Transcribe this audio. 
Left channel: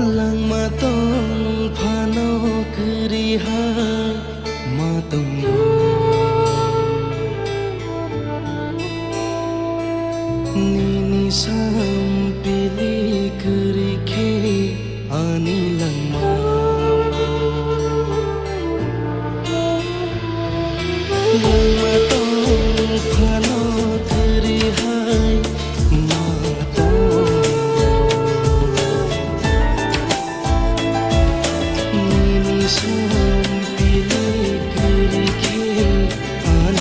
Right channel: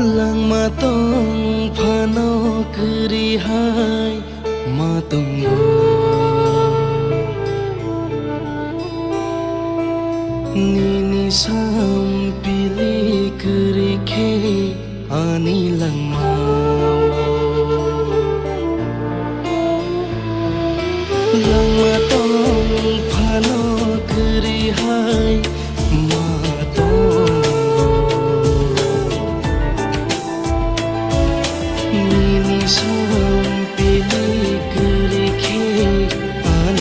Lang matong phano kiri hai matunggo Nini sam pili kiri ke ani lang mau Lang matong phano kiri hai